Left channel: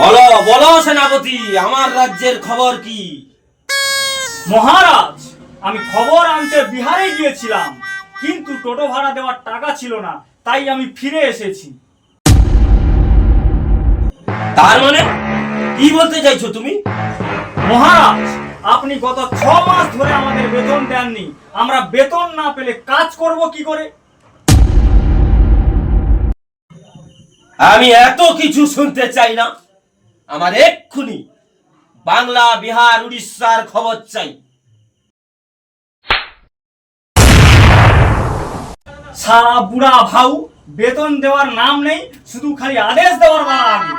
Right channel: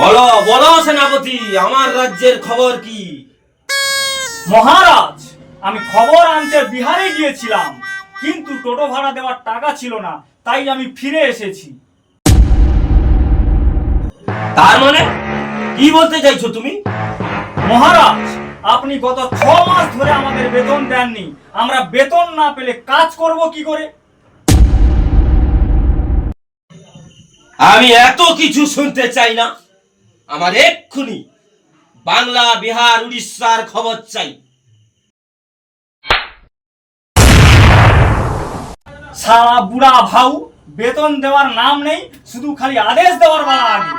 বলো বলো সেনাপতি, আমার রাজ্যের খবর কি? মহারাজ, আমি খবর আনতে বিহারে গিয়েছিলাম, কিন্তু টোটো ভাড়া দেওয়ার টাকা ছিল না, তাই আমি ফিরে এসেছি। তার মানে কি বলতে চাইছো তুমি? মহারাজ, আপনি গত 6 মাস ধরে আমাদের বেতন দেননি। আমরা বেতন না পেলে কাজ করব কি করে? আমি এত কিছু শুনতে চাই না, আমার এক্ষুনি বাংলা, বিহার, উড়িষ্যার খবর চাই। সারা বুড়া ভাউ, বেতন দেওয়ার নাম নেই, শুধু খালি আদেশ দেওয়ার বেলা আগে।